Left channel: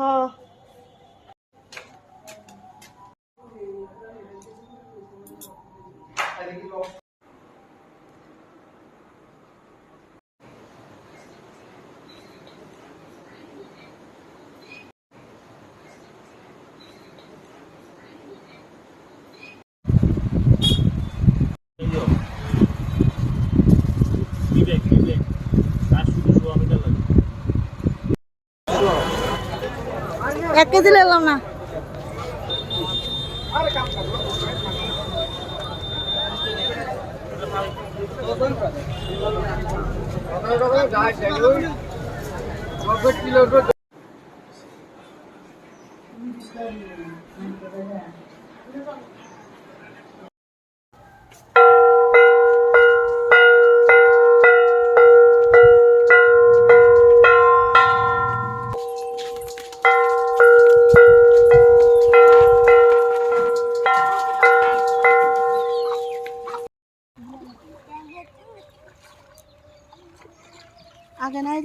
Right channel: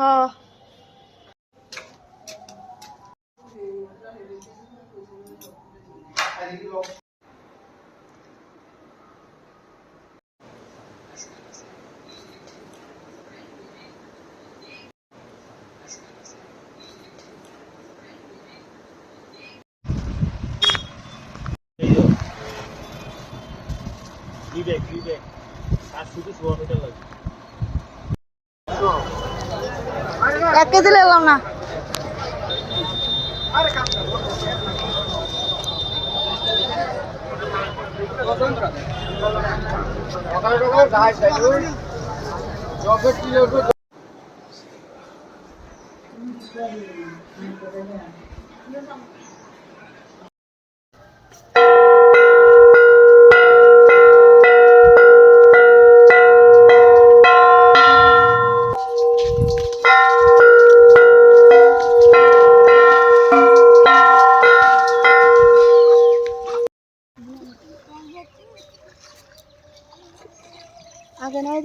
হ্যাঁ এক কেজি নিলাম না আগে নাই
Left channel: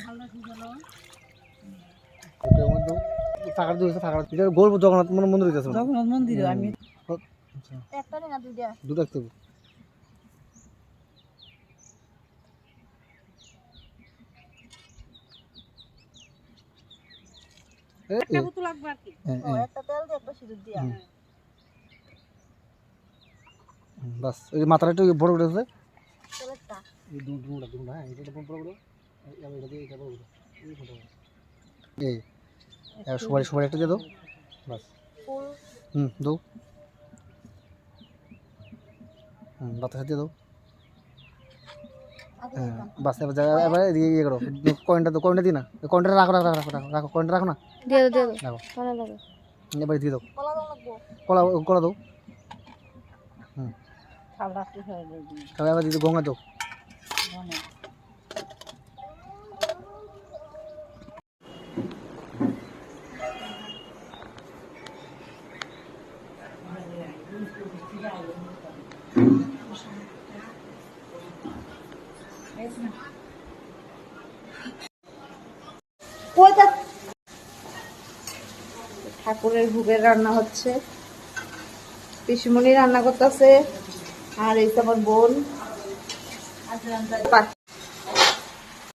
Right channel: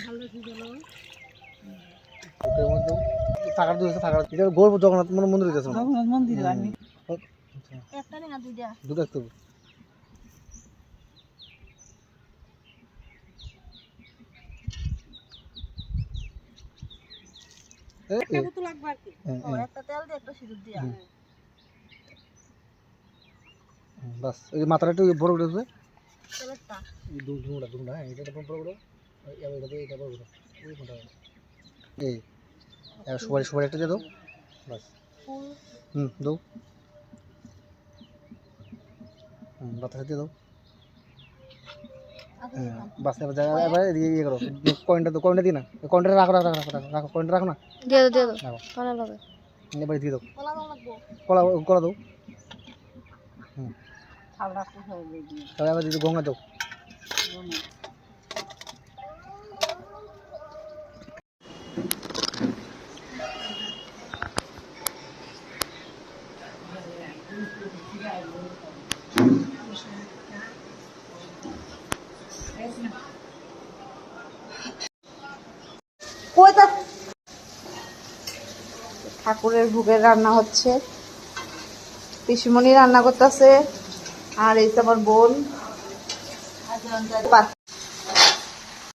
ভালো ঠিক হলো থাকার দিয়েছে থাকার এটা গোল জগন্নাথ মন্দির দিয়েছে জগন্নাথ মন্দিরে আমি একটা না দুইটা দুটো দেখতে একটা বোতল লাগবে আর কি ও একটা তেল দিয়ে একটা সিঁদুর দিয়া বাস এই মাথাটা একটু বড় বড় আছে তেলটা এই দুটা হ্যাঁ এটা বড় বড় এটা বড় বড় এই মোটা এই সবাই সবাই একটা দিয়ে দাও বাস ফুল দাও বাতাসা দিয়ে দাও বাস এবার ইয়ে করো কয়েনটা দাও কয়েনটা দিই না কয়েনটা রাখো রাখো রাখো রাখো কয়েনটা রাখো না দিয়ে দাও রাখো ভালো লাগে এবার দিয়ে দাও কলা দাও লাগবো কলা কলা দাও ছাল রাখতে হয় দিই তাহলে এবার দিদি গঙ্গা দাও ঠাকুরের ভোগের রান্না হচ্ছে পিসিমণি রান্না করতেছে আর এই তো আমার বোন